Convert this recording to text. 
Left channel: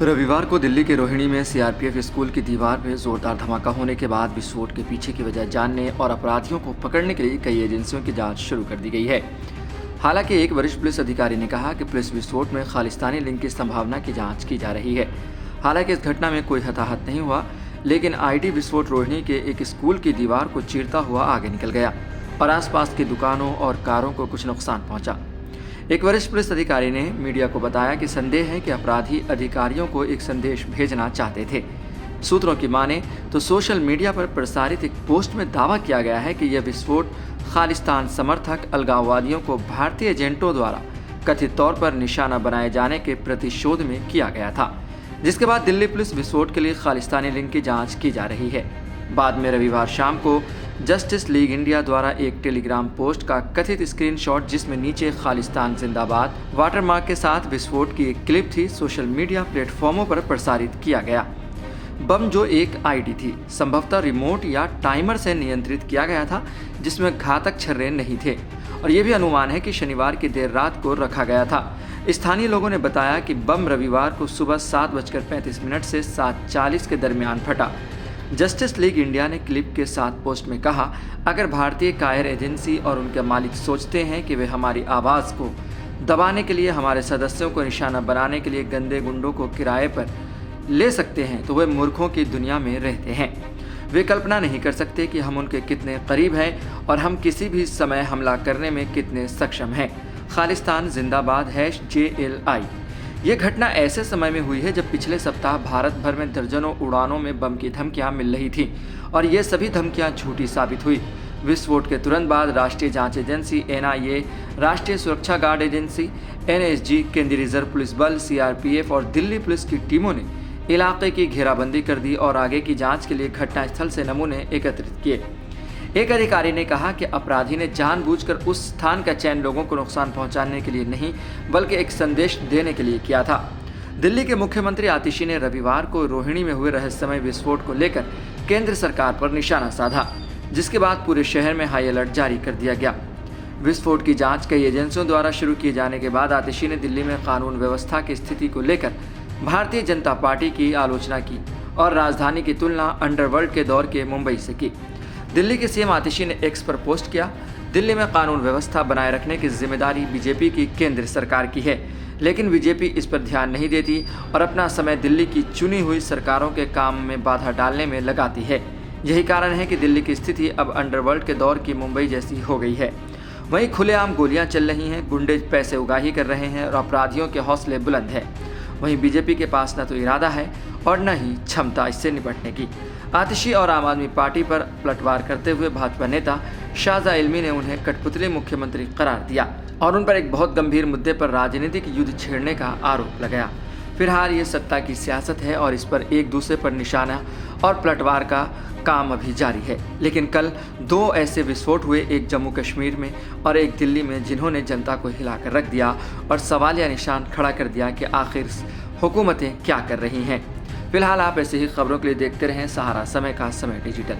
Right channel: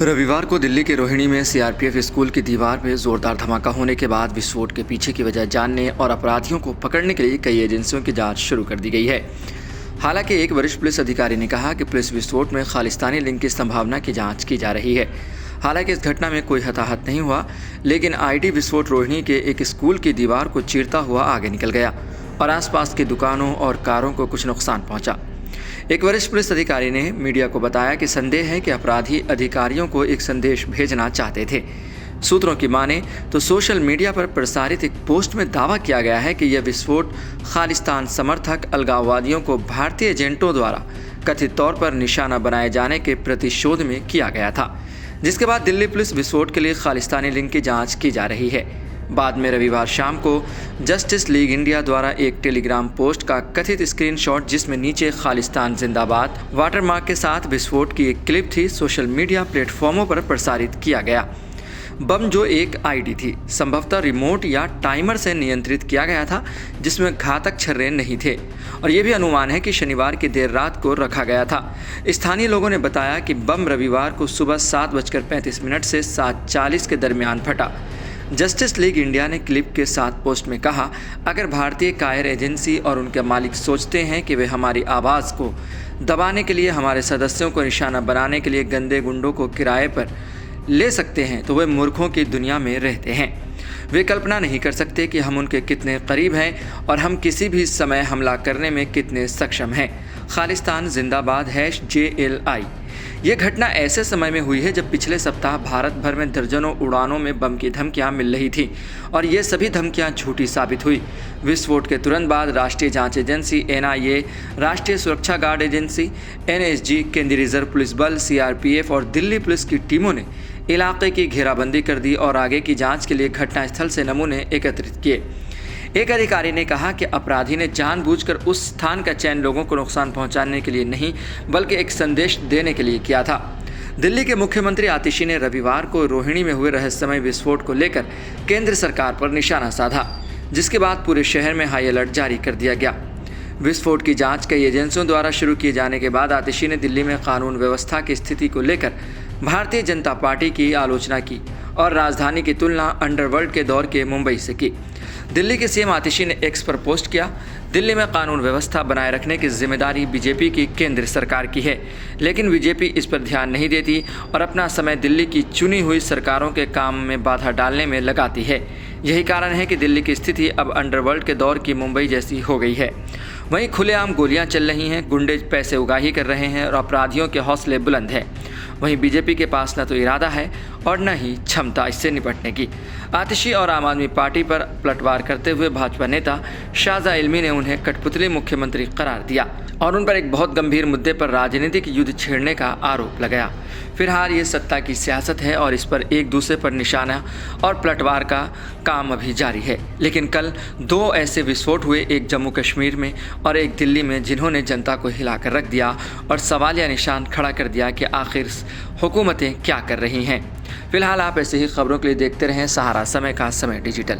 रविवार को दिल्ली के रोहिणी में सीआरपीएफ स्कूल की दीवार में जोरदार धमाका होने के बाद विस्फोट के पीछे की वजह जानने और अपराधियों को पकड़ने के लिए कई एजेंसियों की जांच शुरू कर दी गई है। हालांकि एक वरिष्ठ पुलिस अधिकारी ने कहा कि पुलिस विस्फोट में खालिस्तानी लिंक की संभावना की जांच की जा रही है। हालांकि इस घटना में कोई हताहत नहीं हुआ, लेकिन आईडी विस्फोट रोहिणी के एक स्कूल की दीवार को चीरता हुआ आगे निकल गया और आसपास की दुकानों और कारों को कुछ नुकसान पहुंचा। एक वरिष्ठ पुलिस अधिकारी ने मीडिया को बताया कि संदेह है कि अपराधी अधिकारियों को एक संदेश भेजना चाहते थे। सूत्रों की माने तो सोशल मीडिया पर प्रसारित एक पोस्ट में दावा किया गया है कि यह विस्फोट खालिस्तान समर्थक अलगाववादियों को भारतीय एजेंटों द्वारा कथित तौर पर निशाना बनाए जाने के प्रतिशोध में किया गया था, जिसके बाद दिल्ली पुलिस विस्फोट के लिए खालिस्तानी लिंक की जाँच की जा रही है। बाद में रविवार शाम को जस्टिस लीग इंडिया द्वारा एक टेलीग्राम पोस्ट का कथित स्क्रीनशॉट, जिसमें नीचे खालिस्तान जिंदाबाद वाटरमार्क के साथ विस्फोट की एक क्लिप थी, सोशल मीडिया प्लेटफॉर्मों पर प्रसारित किया गया। बम, जो एक आईडी थी, संभवतः रिमोट या टाइमर से नियंत्रित किया गया था, जिसमें घातक छर्रे नहीं थे और यह भी अनुमान है कि शनिवार की देर रात को रखा गया था। स्थानीय लोगों ने बताया कि बम रविवार को सुबह 7:35 से 7:40 के दरमियान फटा। जस्टिस लीग इंडिया ने क्लिप के साथ पोस्ट में कहा, अगर भारतीय कायर एजेंसी और उनके मालिक सोचते हैं कि वे हमारी आवाज़ को दबाने के लिए, हमारे सदस्यों को निशाना बनाने के लिए गंदे गुंडों को किराए पर ले सकते हैं, तो वे मूर्खों की दुनिया में रहते हैं। वे कल्पना नहीं कर सकते कि हम उनके कितने करीब हैं और हम किसी भी समय हमला करने में कितने सक्षम हैं। खालिस्तान जिंदाबाद #JLI। ये घटना ऐसे समय में हुई है जब पिछले सप्ताह भारत भर में दर्जनों उड़ानों में बम की धमकियां मिल रही थी और ये सभी धमकियां झूठी साबित हुई। विस्फोट के तुरंत बाद राष्ट्रीय जांच एजेंसी NIA, राष्ट्रीय सुरक्षा गार्ड एजेंसी NSG, केंद्रीय रिजर्व पुलिस बल CRPF और दिल्ली पुलिस की टीमों ने इलाके की घेराबंदी कर दी और आगे की जाँच के लिए घटनास्थल से नमूने एकत्रित किए। एक अधिकारी ने कहा कि अपराधी ने जानबूझकर उस स्थान का चयन लोगों को नुकसान पहुंचाने के लिए नहीं, बल्कि एक संदेश देने के लिए किया था। दिल्ली के मुख्यमंत्री आतिशी ने रविवार को रोहिणी में हुए रहस्यमय विस्फोट को लेकर केंद्र सरकार पर निशाना साधा, जिसके बाद पूरे शहर में हाई अलर्ट जारी कर दिया गया। विस्फोट की जांच कई एजेंसियों द्वारा शुरू किए जाने के बाद आतिशी ने दिल्ली में कानून व्यवस्था की स्थिति को लेकर भारतीय जनता पार्टी की आलोचना की और राजधानी की तुलना अंडरवर्ल्ड के दौर के मुंबई से की। दिल्ली के सीएम आतिशी ने एक्स पर पोस्ट किया, दिल्ली में कानून व्यवस्था बनाए रखने की जिम्मेदारी बीजेपी की केंद्र सरकार की है, लेकिन बीजेपी इस पर ध्यान नहीं देती और अपना समय दिल्ली की चुनी हुई सरकारों के काम में बाधा डालने में लगाती है। यही कारण है कि दिल्ली की स्थिति अब अंडरवर्ल्ड के दौर की मुंबई जैसी हो गई है। वहीं खुलेआम गोलियां चल रही हैं, गुंडे पैसे उगाही कर रहे हैं और अपराधियों के हौसले बुलंद हैं। वहीं बीजेपी के पास न तो इरादा है और न ही क्षमता इससे निपटने की। आतिशी और आम आदमी पार्टी पर पलटवार करते हुए भाजपा नेता शाहजहां इल्मी ने उन्हें कठपुतली मुख्यमंत्री करार दिया और उन पर एक बहुत गंभीर मुद्दे पर राजनीतिक युद्ध छेड़ने का आरोप लगाया। फिलहाल ये सत्ता की सियासत है और इस पर एक दूसरे पर निशाना और पलटवार का काम अभी जारी है। लेकिन कल 2 ऐसे विस्फोट हुए, एक जम्मू कश्मीर में और एक दिल्ली में, जिन्होंने जनता को हिलाकर रख दिया और सवालिया निशान खड़ा कर दिया कि आखिर हुकूमतें क्या कर रही हैं। फिलहाल आप ऐसे ही खबरों के लिए देखते रहें सहारा समय का समय डिजिटल।